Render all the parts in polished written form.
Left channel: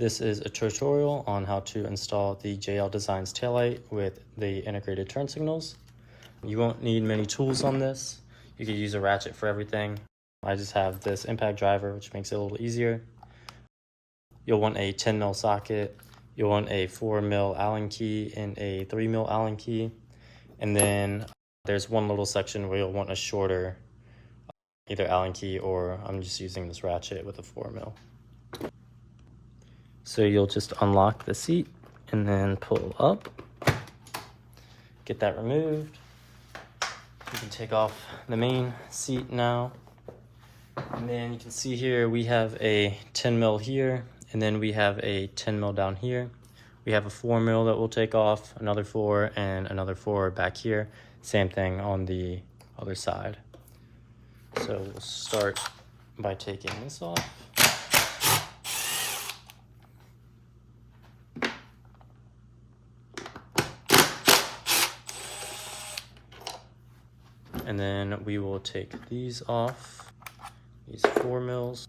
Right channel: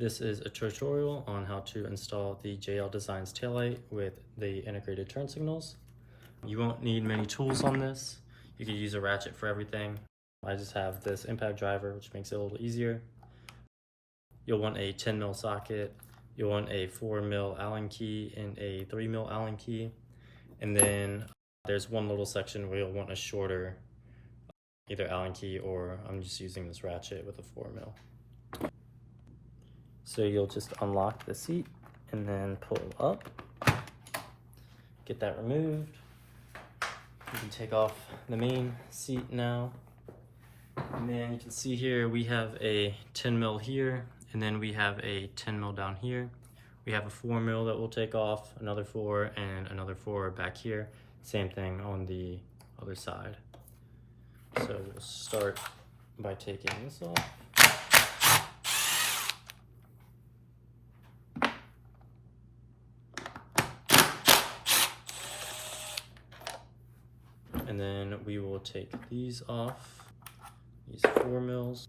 This is a tutorial on how to install the JL Designs taillight with the integrated turn signals. You won't need many tools on this. You can use a ratchet for everything. I just have this impact driver, which makes it a little easier. You'll want a 10mm socket. You'll want a 4mm Allen key and a 3mm Allen key. And then there's one little section where you'll want a shorter either Allen key, or I'm just using this ratchet with a 4mm. So you'll just unlock the seat and then pull up, get that removed. You can take off the main seat now. And then you can see here we have a 10mm here, and then we have a 10mm down here. We have a 4mm that we'll take off, another 4, and another 4 back here. Same thing on the other side. So we'll start by taking this off. And then we will take these off, these 4mm.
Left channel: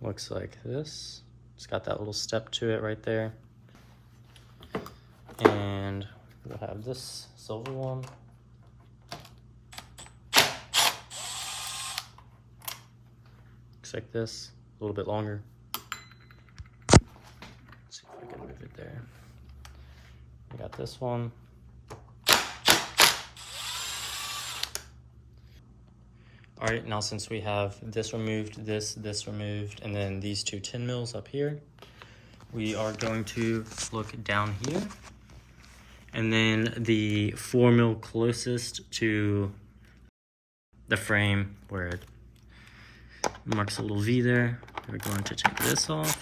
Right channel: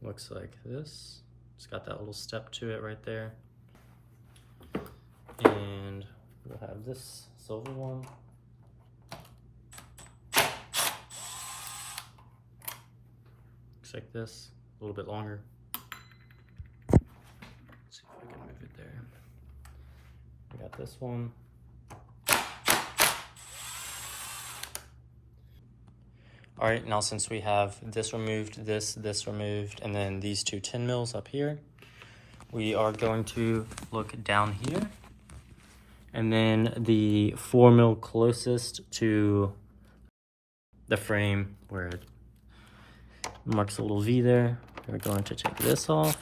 Looks like this. It's got that little step to it right there. And we'll have this silver one. Looks like this, a little bit longer. Let's see if I can move it there. We got this one. All right, now since we have this removed, this removed, and then these two 10mm up here, we are going to look down here. And then the 4mm closest to the frame where it marks a little V there, we're going to take this off.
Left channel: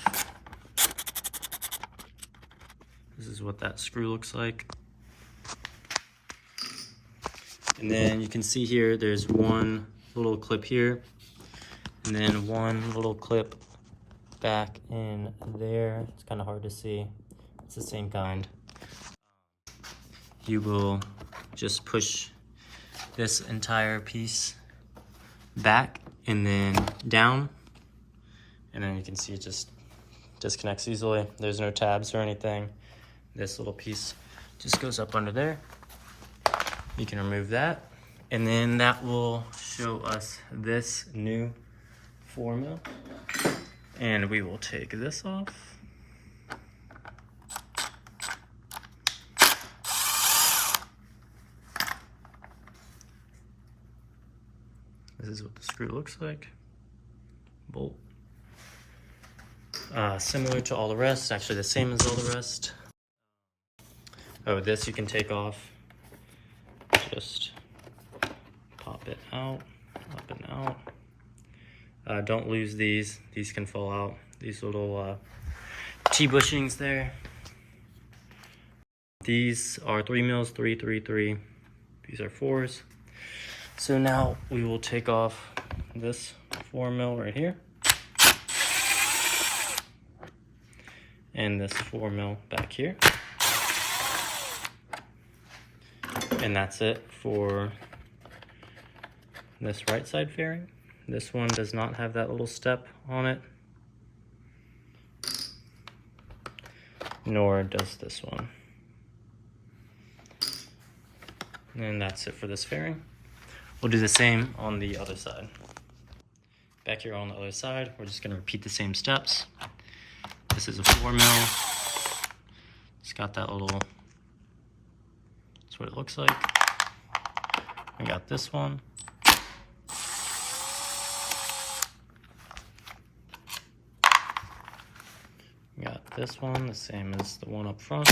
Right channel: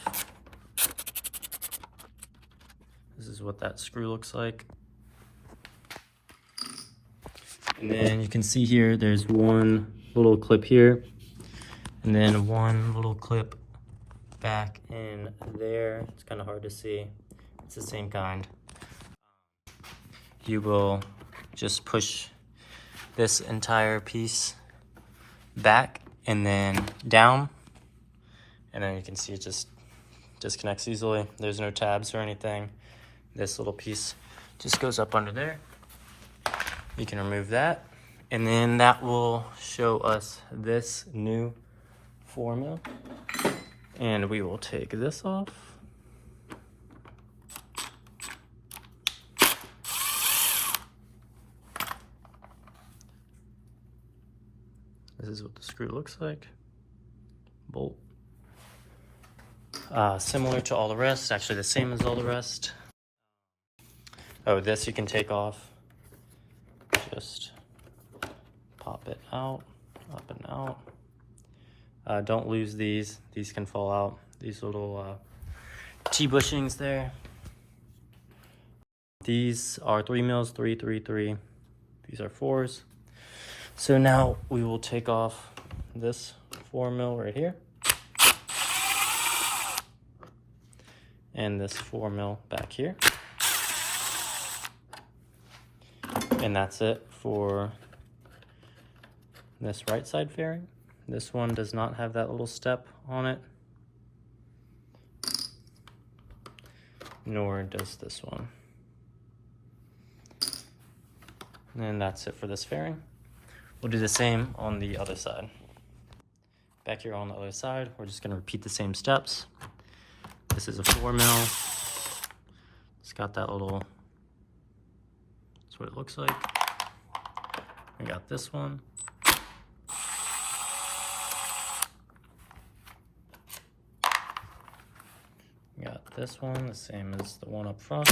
This is what that screw looks like. And then you can see here, there's one little clip here, and then one little clip back in there. It's kind of hard to see. It's the same kind. You will just push this entire piece back and then down, and then you can see it just disconnects easily. There's no tabs or anything. This little piece just goes up under there. You can remove that, and then that will show us this new 4mm. And we will take this off. This is what the screw looks like. Bolt. Similar to all the rest, actually the same as all the rest. Oh, this you can take off. Just pop it out, up and out. Don't lose these. These can fall out. These little T-bushings there. These are 3mm, 3, 3, 3. These are 4s. So now we will take off this 4mm right here. And this 4mm back here. And that's it for this right side fairing. This one does not have that little step on it, nor does this one. And that's it for this fairing. We'll do the same on the other side. Back here on the other side, we're just gonna repeat the same steps. This is a 4mm. It's got that little, that's what it looks like. We got this one. We got this one, the same as the one up front.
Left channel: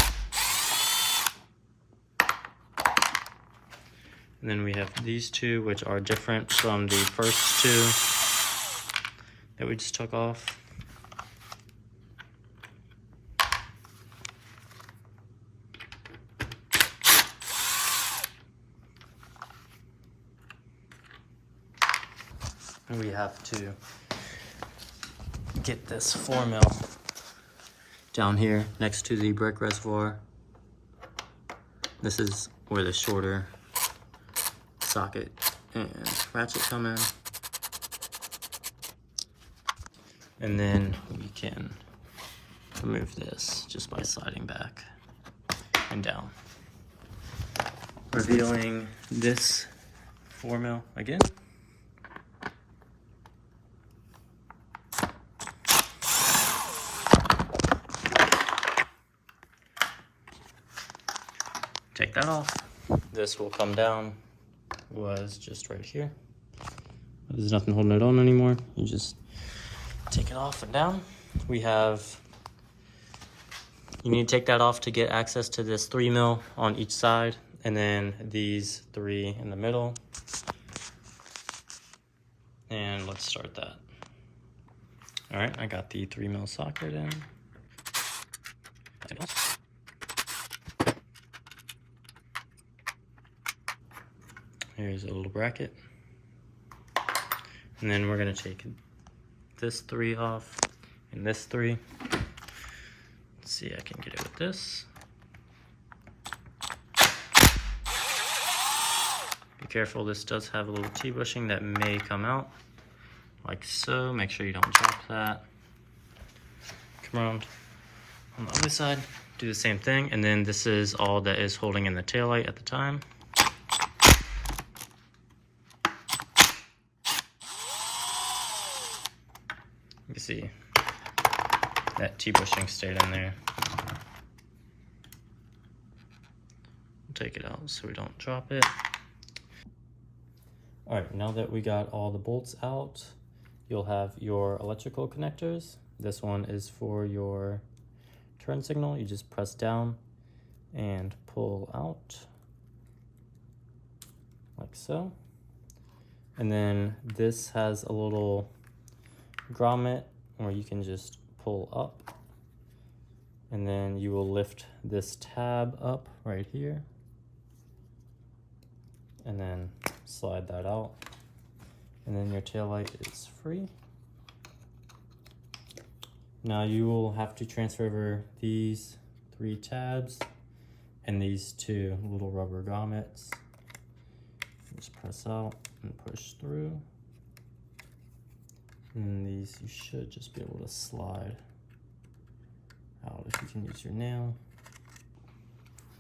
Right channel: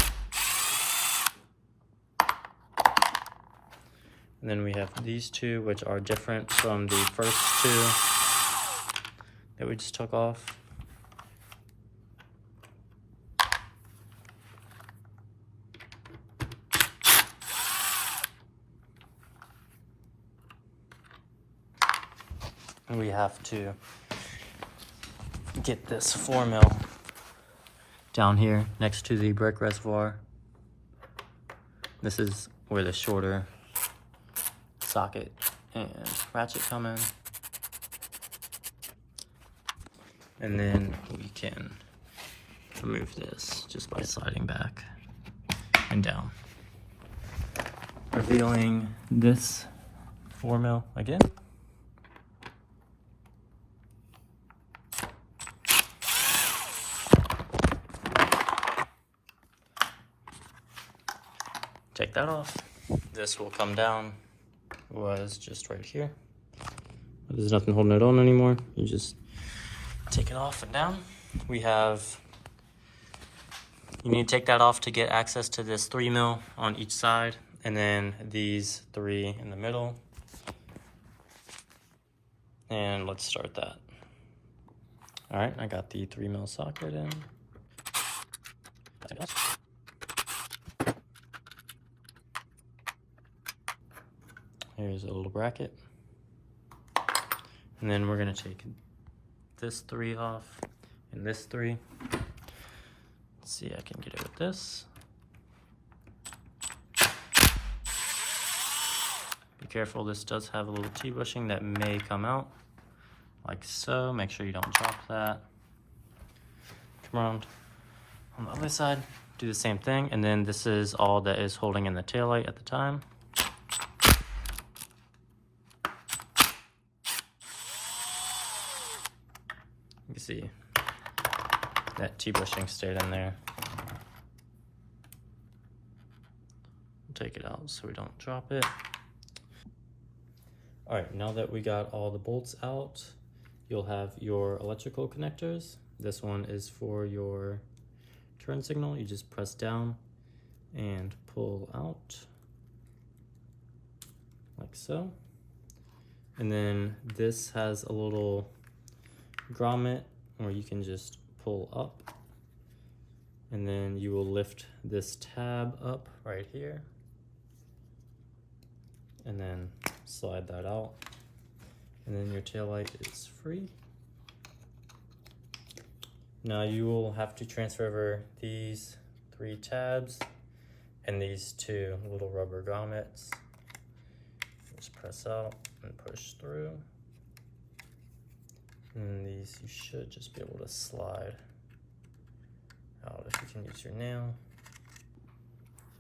And then we have these two, which are different from the first two that we just took off. And we have to get this 4mm down here next to the brake reservoir. This is where the shorter socket and ratchet coming. And then we can remove this just by sliding back and down. Revealing this 4mm again. Take that off. This will come down, was just right here. There's nothing holding it on anymore. You just take it off and down. You need to take that off to get access to this 3mm on each side, and then these 3 in the middle. And let's start that. All right, I got the 3mm socket in. Here's a little bracket. And then we're gonna take this 3 off and this 3. Let's see, I can get it with this. Be careful, this does have a little T-bushing that may come out, like so. Make sure you don't drop that. Come around on the other side, do the same thing, and then this is all that is holding in the taillight at the time. You can see that T-bushing stayed in there. We'll take it out so we don't drop it. All right, now that we got all the bolts out, you'll have your electrical connectors. This one is for your turn signal. You just press down and pull out like so. And then this has a little grommet where you can just pull up, and then you will lift this tab up right here and then slide that out, and then your taillight is free. Now you will have to transfer over these 3 tabs and these 2 little rubber grommets. Just press out and push through. And these you should just be able to slide out if you can use your nail.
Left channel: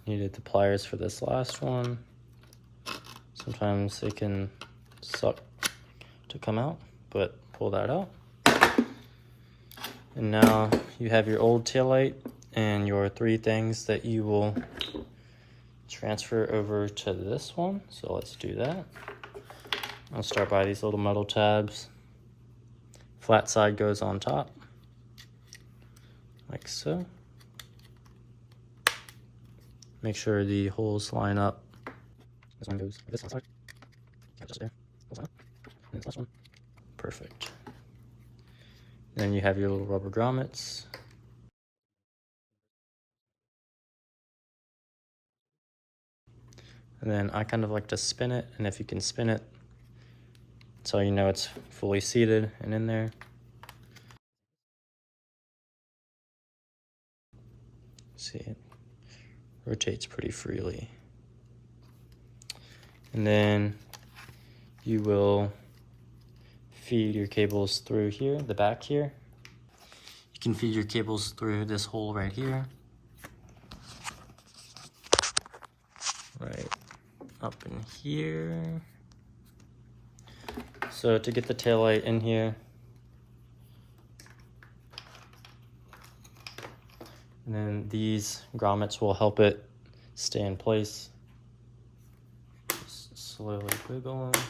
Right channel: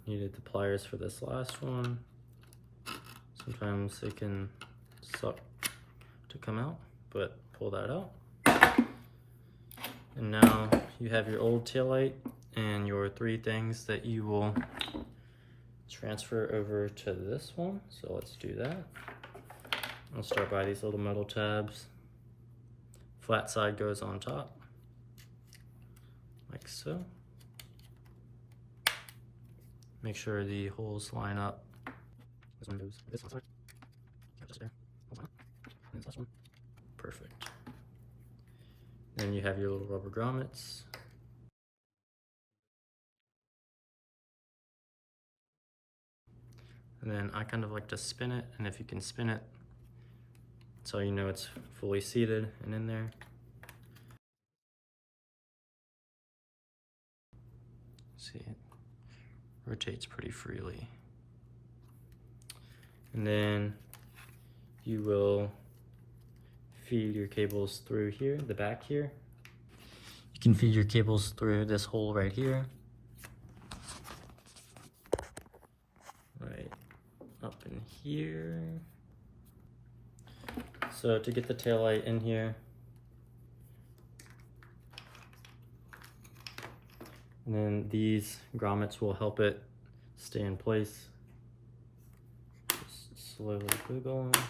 Needed the pliers for this last one. Sometimes they can suck to come out, but pull that out. And now you have your old taillight and your 3 things that you will transfer over to this one. So let's do that. I'll start by these little metal tabs. Flat side goes on top, like so. Make sure the holes line up. This one goes this side. Just there. And this last one. Perfect. Then you have your little rubber grommets. And then I kind of like to spin it, and if you can spin it, so you know it's fully seated and in there. See, it rotates pretty freely. And then you will feed your cables through here, the back here. You can feed your cables through this hole right here. Right up in here. So to get the taillight in here, and then these grommets will help it stay in place. Just slowly wiggle them,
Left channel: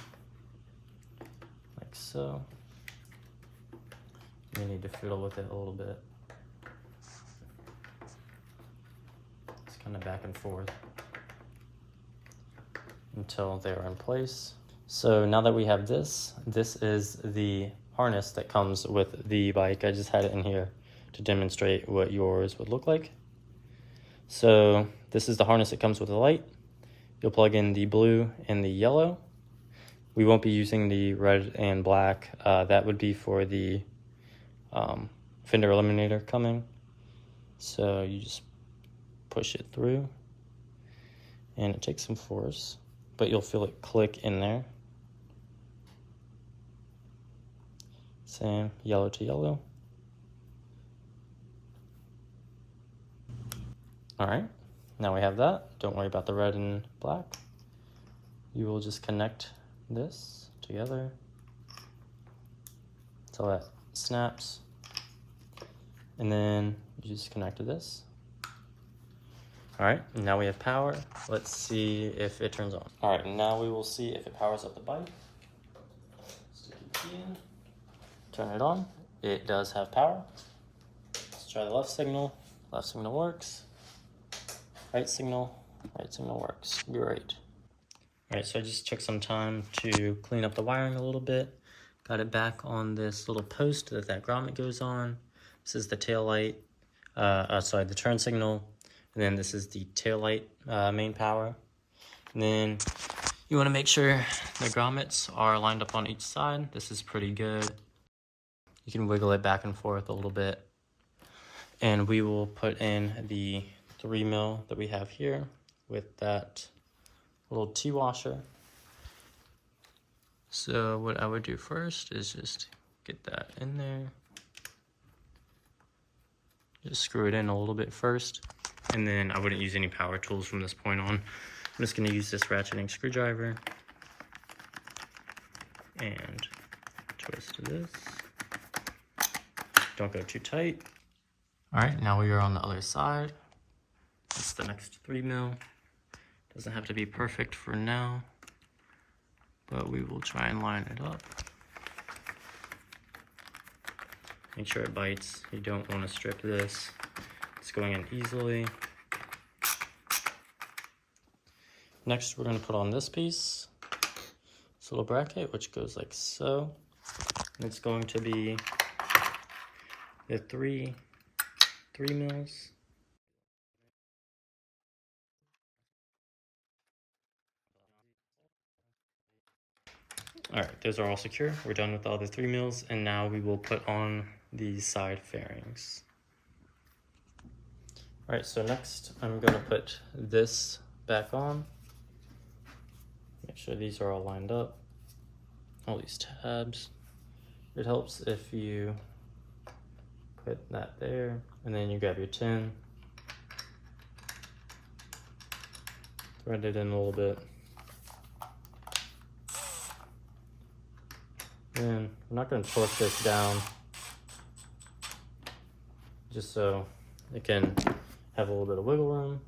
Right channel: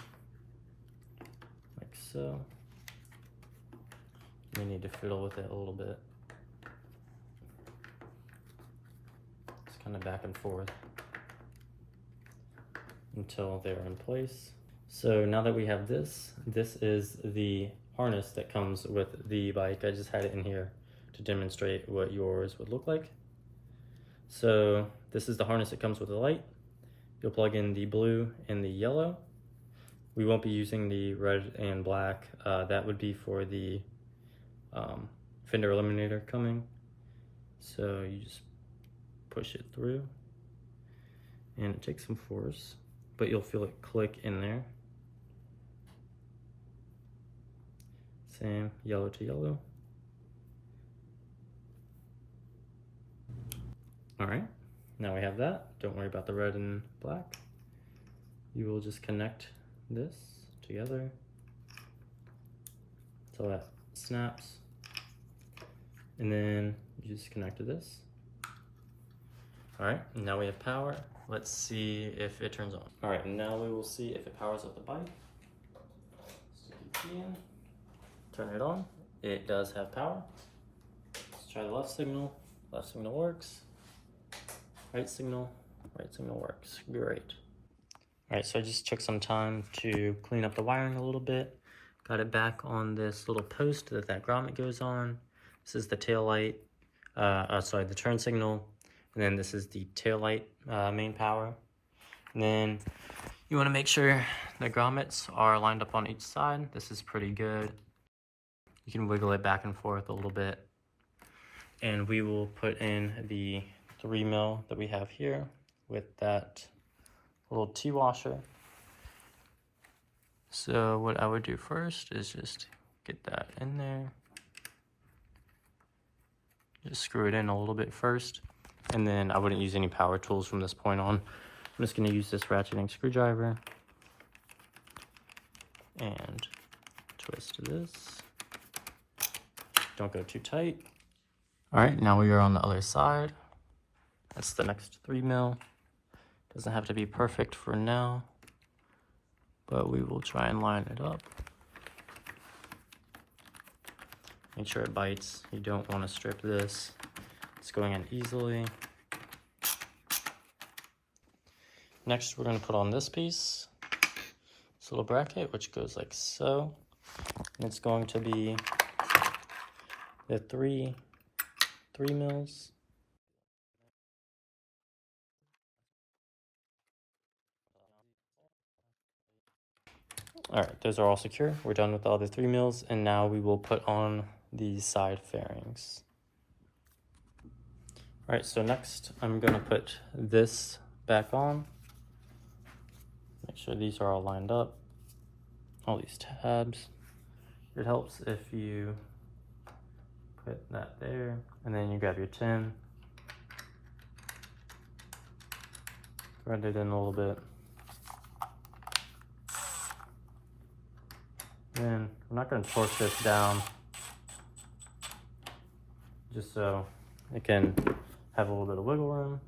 like so. You need to fiddle with it a little bit. It's kind of back and forth until they're in place. So now that we have this is the harness that comes with the bike. I just had it in here to demonstrate what yours would look like. So this is the harness that comes with the light. You'll plug in the blue and the yellow. We won't be using the red and black. That would be for the fender eliminator coming. So you just push it through, and it takes some force, but you'll feel it click in there. Same, yellow to yellow. All right, now we have that. Don't worry about the red and black. You will just connect this together so that snaps. And then you just connect to this. All right, now we have power. Let's see if it turns on. All right, now we will see if it powers up the bike. Stick the key in, turn it on. It does have power. Let's try the left signal. Left signal works. Right signal works. Great. All right, so I just took some time to clean up the wiring a little bit. Got it back on this little post that grommet goes on. This is the tail light, the turn signal. And then this is the tail light main power. And then you want to make sure the grommets are lined up on each side. This is pretty good. You can wiggle it back and forth a little bit. And we will put in the 3mm that we have here with that little T-washer. So what I would do first is just get that in there. Just screw it in a little bit first. And then I wouldn't use any power tools from this point on. I'm just going to use this ratcheting screwdriver and twist this. Don't go too tight. All right, now we are on the other side. That's the next 3mm. Doesn't have to be perfect for now, but we will try and line it up. Make sure it bites. You don't want to strip this. It's going in easily. Next, we're going to put on this piece, this little bracket, which goes like so. And it's going to be the 3mm. All right, those are all secure. We're done with all the 3mm, and now we will put on the side fairings. All right, so next I'm going to put this back on. Make sure these are all lined up, all these tabs. It helps if you put that there, and then you grab your tin, thread it in a little bit. Then I'm not going to torque this down, just so it can have a little bit of wiggle room.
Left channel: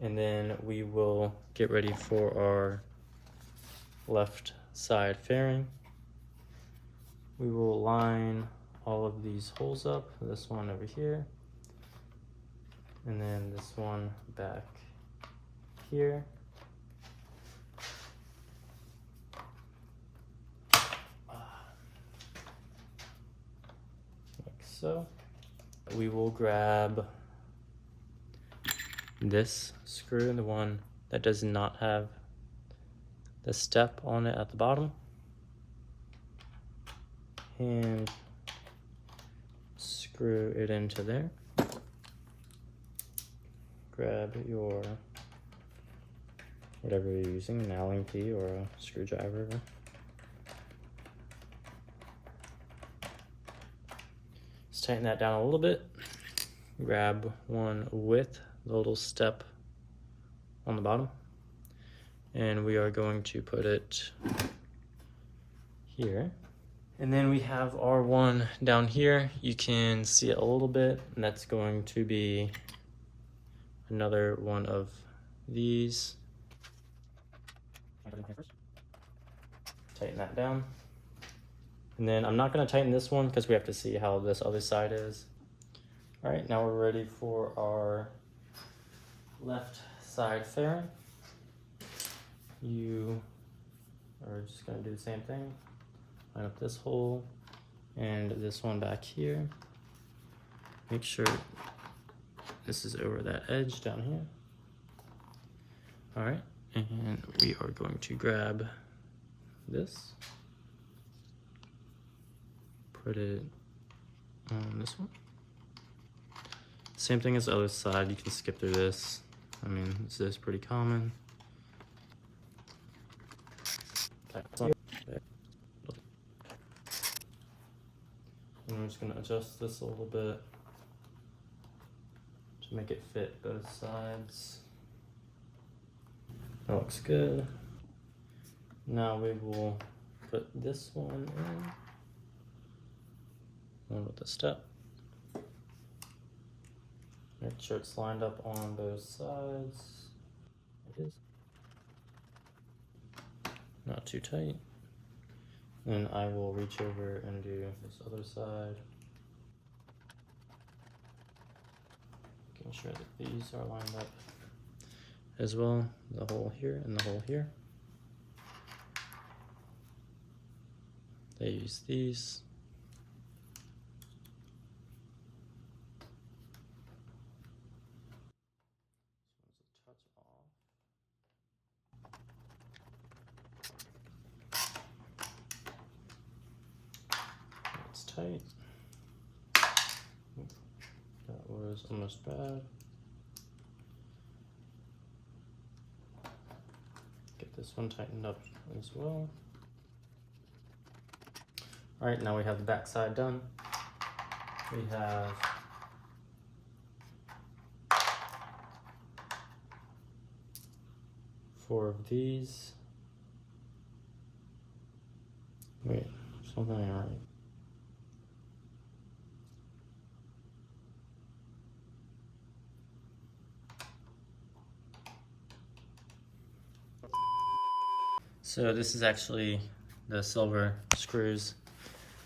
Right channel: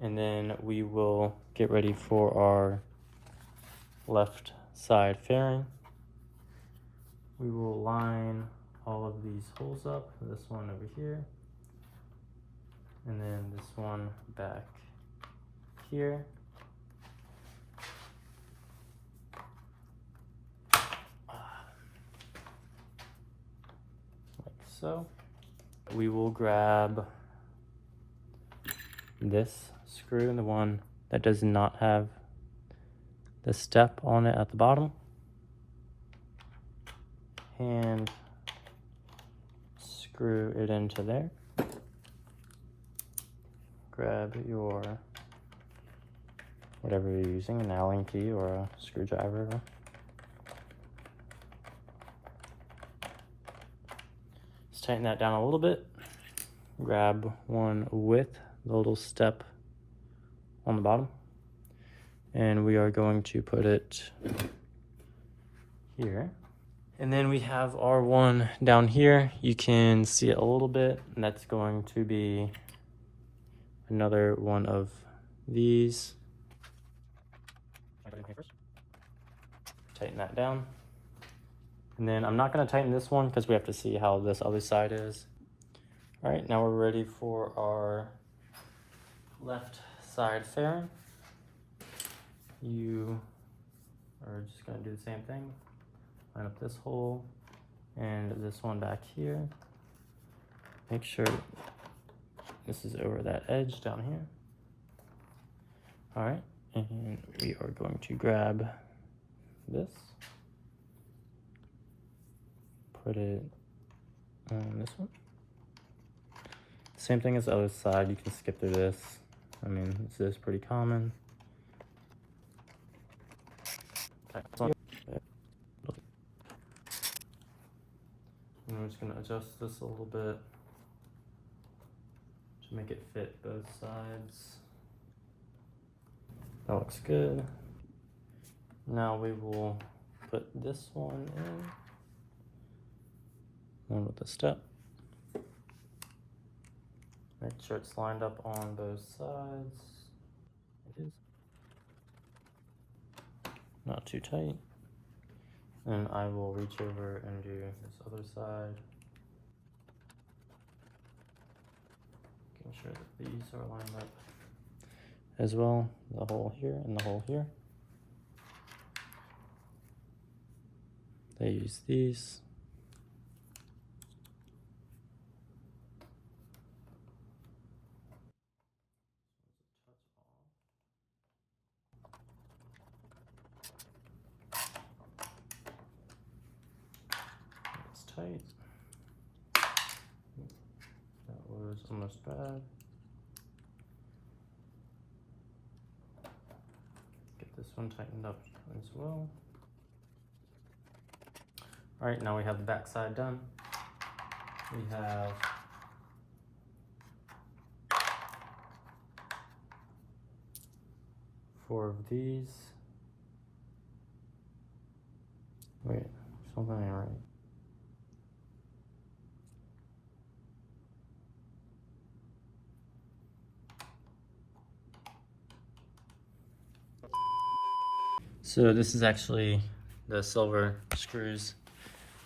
And then we will get ready for our left side fairing. We will line all of these holes up, this one over here, and then this one back here. Like so. We will grab this screw, the one that does not have the step on it at the bottom, and screw it into there. Grab your whatever you're using, an Allen key or a screwdriver. Just tighten that down a little bit. Grab one with the little step on the bottom, and we are going to put it here. And then we have our one down here. You can see it a little bit, and that's going to be another one of these. Tighten that down. And then I'm not going to tighten this one because we have to see how this other side is. All right, now we're ready for our left side fairing. You are just going to do the same thing. Line up this hole and this one back here. Make sure this is over that edge down here. All right, and we are going to grab this, put it on this one. Same thing as the other side, you can skip through this. I mean, this is pretty common. gonna adjust this a little bit to make it fit both sides. That looks good. Now we will put this one in. One with the step. Make sure it's lined up on both sides. It is. Not too tight. And I will reach over and do this other side. Making sure that these are lined up as well. The hole here and the hole here. They use these. It's tight. That was almost bad. Get this one tightened up as well. All right, now we have the back side done. We have four of these. Wait, something ain't right. So this is actually the silver screws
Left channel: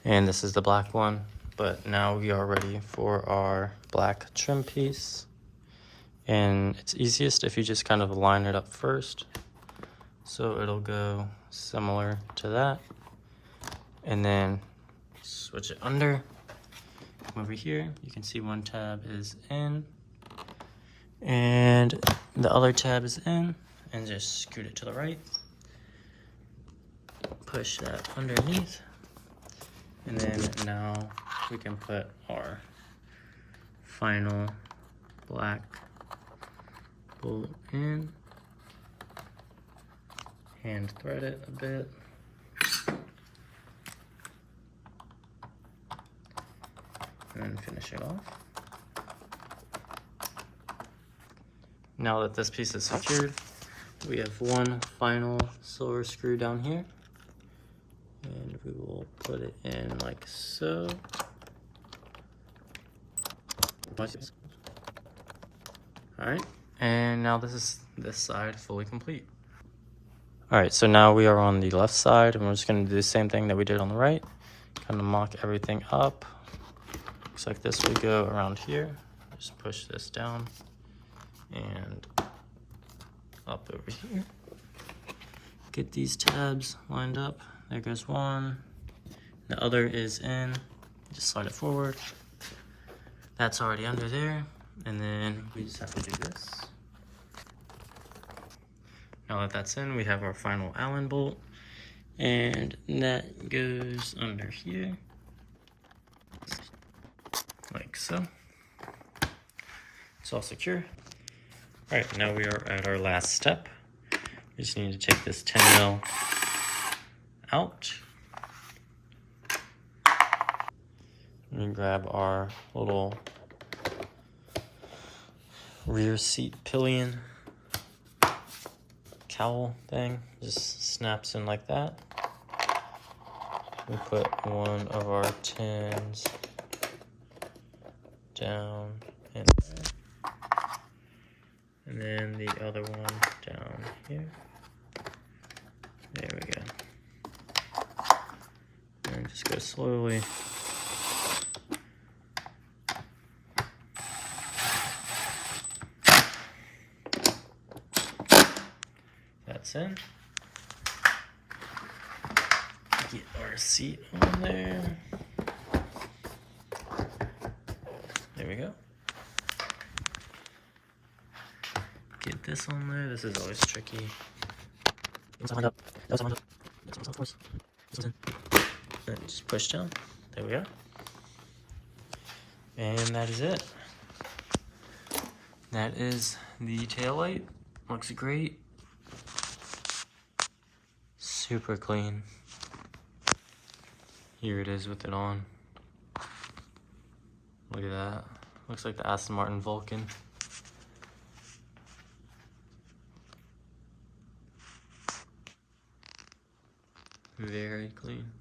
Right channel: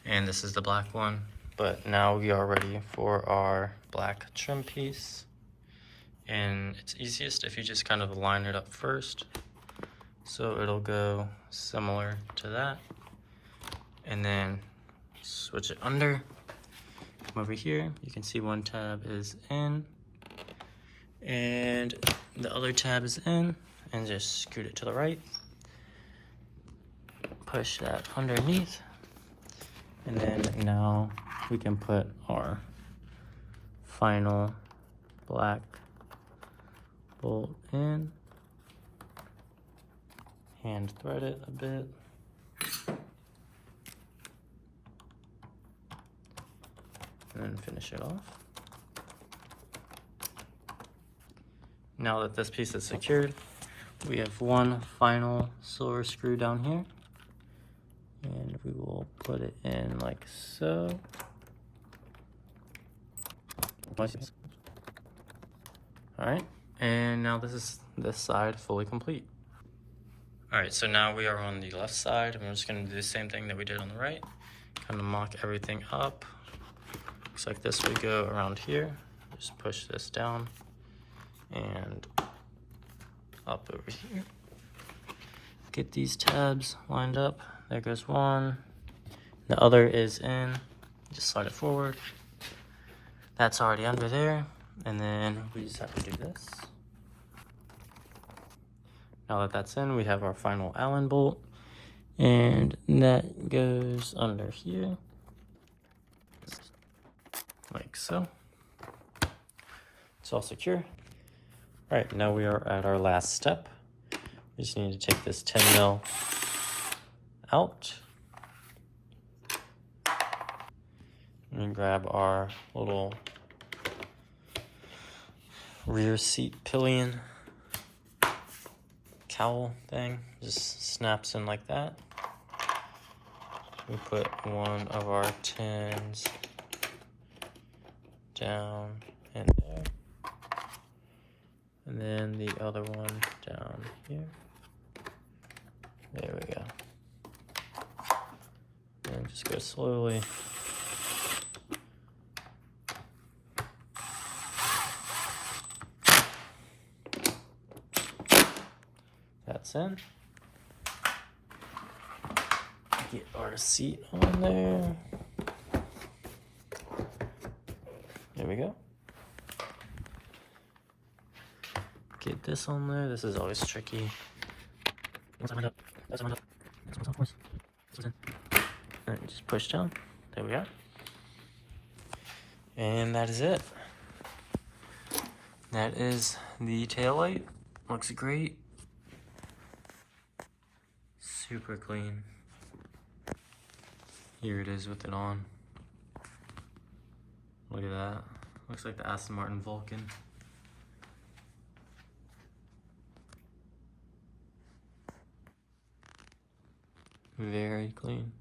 and this is the black one, but now we are ready for our black trim piece. And it's easiest if you just kind of line it up first. So it'll go similar to that. And then switch it under. Come over here, you can see one tab is in and the other tab is in, and just scoot it to the right. Push that underneath, and then now we can put our final black bolt in, hand thread it a bit, and then finish it off. Now that this piece is secured, we have one final silver screw down here. And we will put it in like so. Alright, and now this is this side fully complete. Alright, so now we are on the left side, and we're just going to do the same thing that we did on the right. Kind of mock everything up. Looks like this would go around here. Just push this down and up over here. Get these tabs lined up. There goes one. The other is in. Just slide it forward. That's already under there. And then we just have to do this. Now that that's in, we have our final Allen bolt. And that goes under here. Like so. It's all secure. All right, now we are at our last step. We just need to take this 10 mil out and grab our little rear seat pillion cowl thing. Just snaps in like that. We put one of our tins down in there, and then the other one down here. There we go. And just go slowly. That's in. Get our seat on there. There we go. Get this on there. This is always tricky. And just push down. There we are. And that is it. That is the taillight. Looks great. Super clean. Here it is with it on. Look at that. Looks like the Aston Martin Vulcan. Very clean.